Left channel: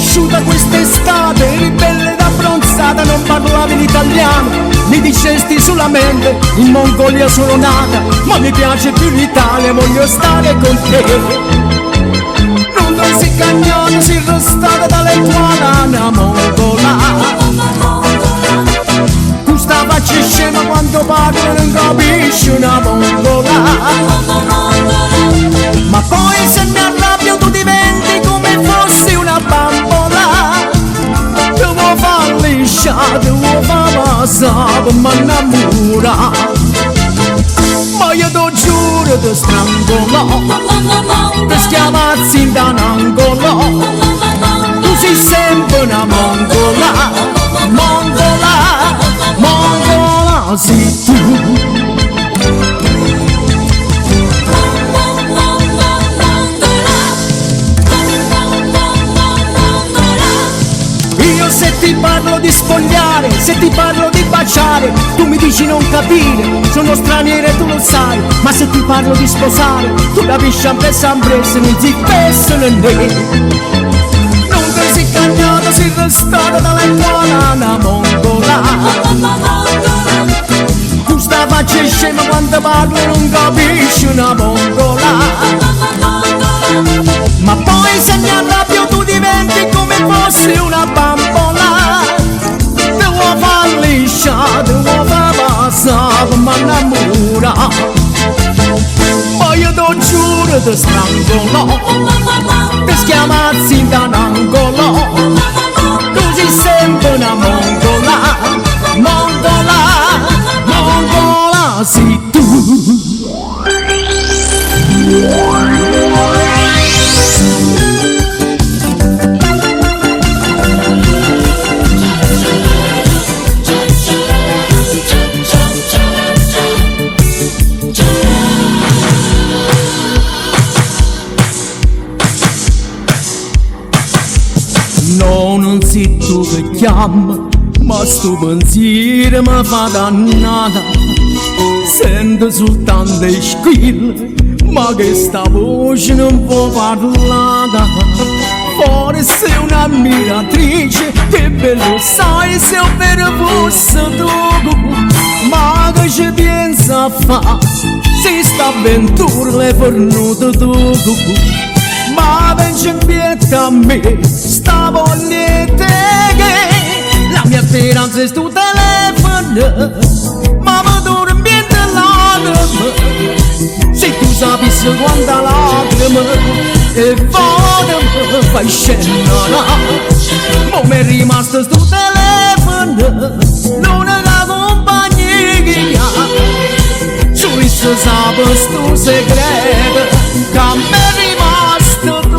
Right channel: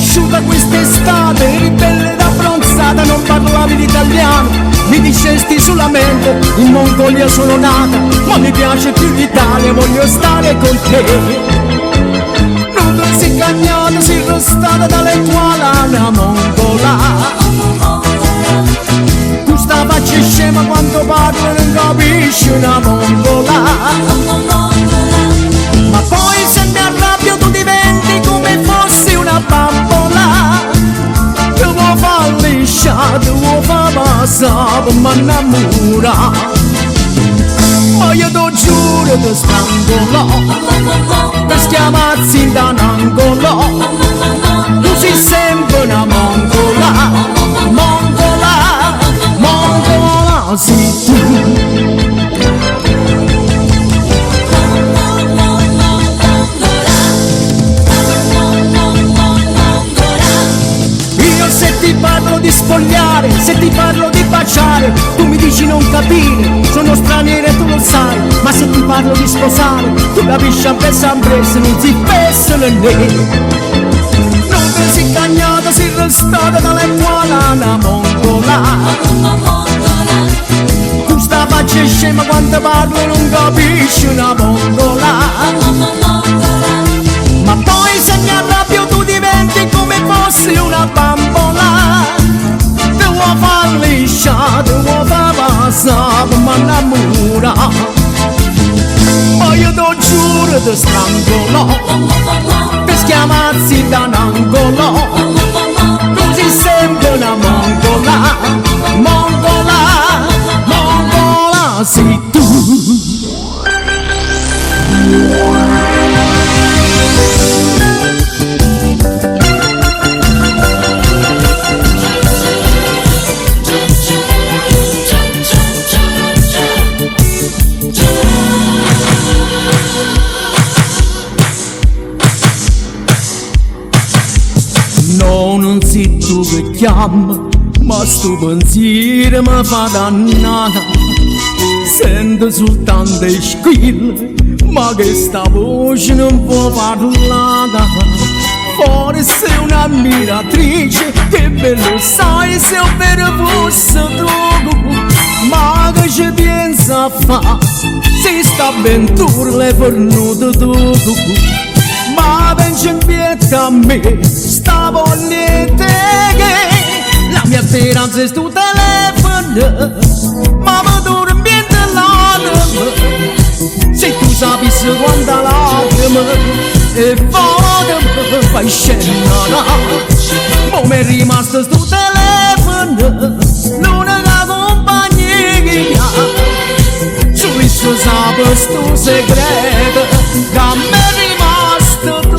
conosciuta quest'estate, eri bella ed abbronzata, non parlavi l'italiano, mi dicesti solamente in Mongolia sono nata, ma mi piace più l'Italia, voglio stare con te. Non ti sei cagnata, sei restata dalle qualana mongola. Questa faccia scema quando parla non capisci una mongola. Ma poi se mi arrabbio tu diventi come fossi una bambola. Ti vuoi far lisciare, ti vuoi far passare per m'annamora. Ma io ti giuro ti strangolò, ti schiamazzi in un angolo. Tu sei sempre una mongola, mongola, mongola sei tu. Io se ti parlo di spogliare, se ti parlo di baciare, tu mi dici non capire, sono straniera e tu lo sai. Ma se ti parlo di sposare, tu capisci sempre se non si spesso né. Non ti sei cagnata, sei restata dalle qualana mongola. Questa faccia scema quando parlo non capisci una mongola. Ma poi se mi arrabbio tu diventi come fossi una bambola. Ti vuoi far lisciare, ti vuoi far passare per m'annamora. Ma io ti giuro ti strangolò, ti schiamazzi in un angolo. Tu sei sempre una mongola, mongola, mongola sei tu. No, non sei tu che chiama, ma sto pensiero mi fa dannata. Sento soltanto i squilli, ma che sta voce non può parlare. Forse un'ammiratrice, che bello sai se io vero fosse tu. Ma che ci pensa a fa, se sta avventura l'hai fornuta tu. Ma pensi in pietà a me, sta vogliete che la mia speranza è sto telefono, ma mi dormiente l'anima. Se tu sapessi quanta lacrima e vado mi fai scena. Ma mi è rimasto sto telefono, l'unica compagnia che ha. Solo se sape sto segreto che a me è rimasto tu.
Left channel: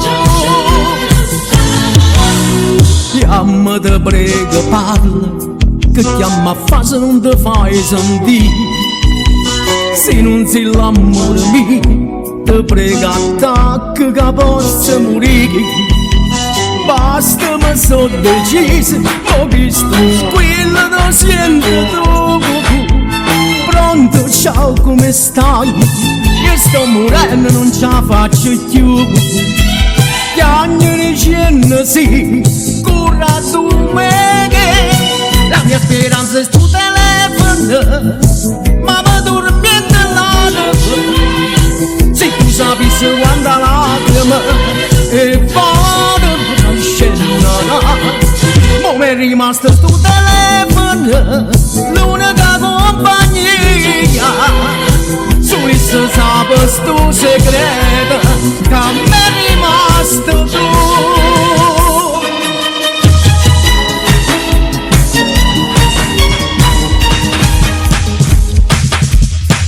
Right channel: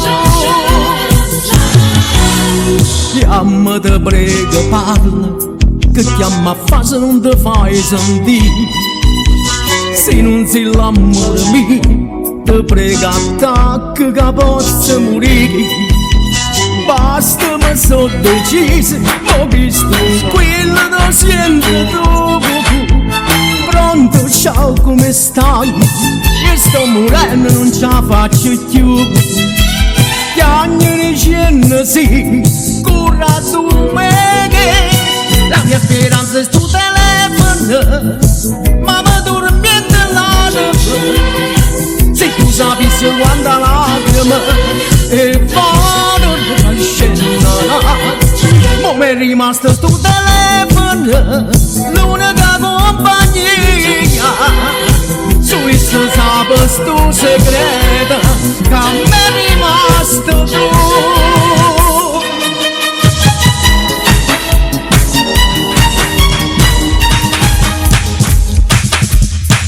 Chiama te prego parla, che chiama a fa se non te fai sentire. Se non sei l'amore mio, te prego attacca che possa morire. Basta mi so deciso, ma questo squillo lo sento tu. Pronto, ciao, come stai? Io sto morendo, non ce la faccio più. Chiagnere cenno sì, cura tu me che la mia speranza è sto telefono, ma mi dormiente l'anima. Se tu sapessi quanta lacrima e vado a scena. Ma mi è rimasto sto telefono, l'unica compagnia. Solo se sape sto segreto che a me è rimasto tu.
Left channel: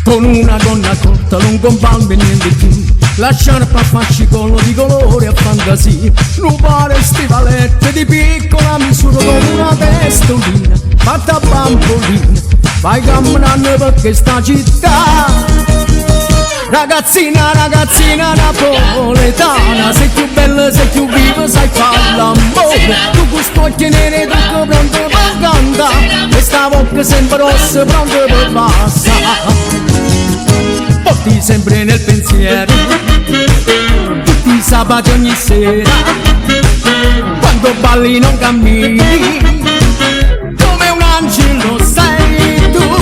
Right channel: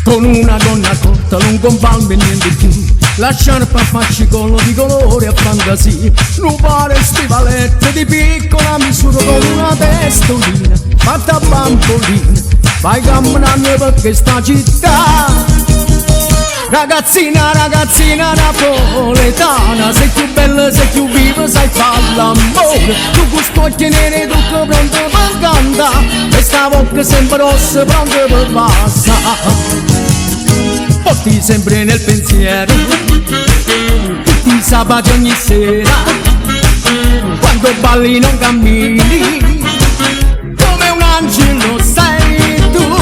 Con una gonna corta, lungo un palmo e niente più, la sciarpa a fascicolo di colore a fantasia, un pare stivalette di piccola misura con una testolina fatta a bambolina. Vai camminando per questa città, ragazzina, ragazzina napoletana. Sei più bella, sei più viva, sai fare l'amore. Tu con spocchi neri, tu che pronto per cantare, e sta bocca sempre rossa, pronto per passare. Porti sempre nel pensiero tutti i sabati ogni sera, quando quando balli non cammini, come un angelo sei tu.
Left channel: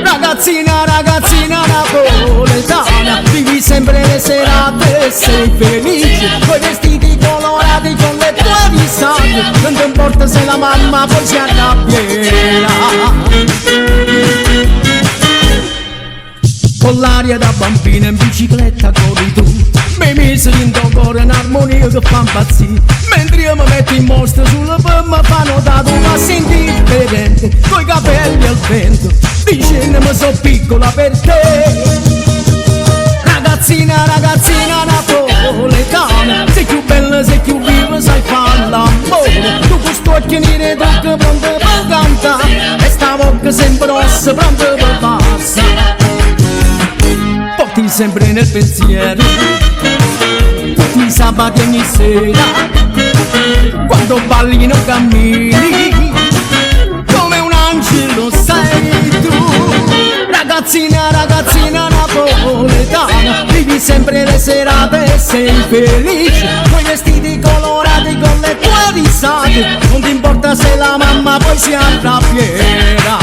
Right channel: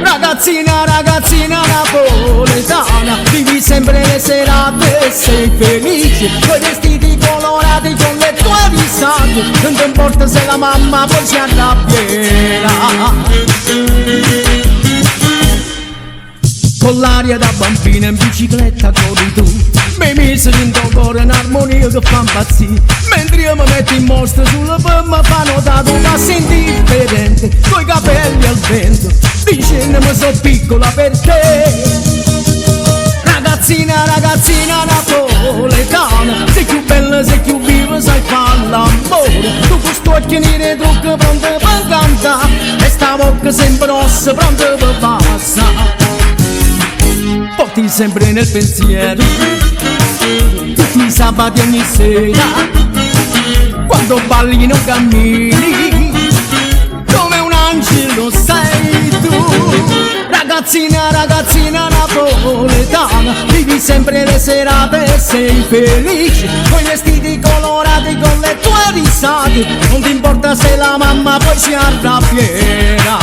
Ragazzina, ragazzina napoletana, vivi sempre le serate, sei felice, coi vestiti colorati con le tue risate, non ti importa se la mamma poi si arrabbierà. Con l'aria da bambina in bicicletta corri tu, mi miseri in tuo cuore in armonia che fa impazzire, mentre io mi metto in mostra sulla pomma fa notare tu passi indifferente, coi capelli al vento, dicendo mi so piccola per te. Ragazzina, ragazzina napoletana, sei più bella, sei più viva, sai fare l'amore, tu con sto occhio nero trucco pronto per cantare, e sta bocca sempre rossa pronto per passare. Porti sempre nel pensiero tutti i sabati ogni sera, quando balli non cammini, come un angelo sei tu. Ragazzina, ragazzina napoletana, vivi sempre le serate e sei felice, coi vestiti colorati con le tue risate, non ti importa se la mamma poi si arrabbierà.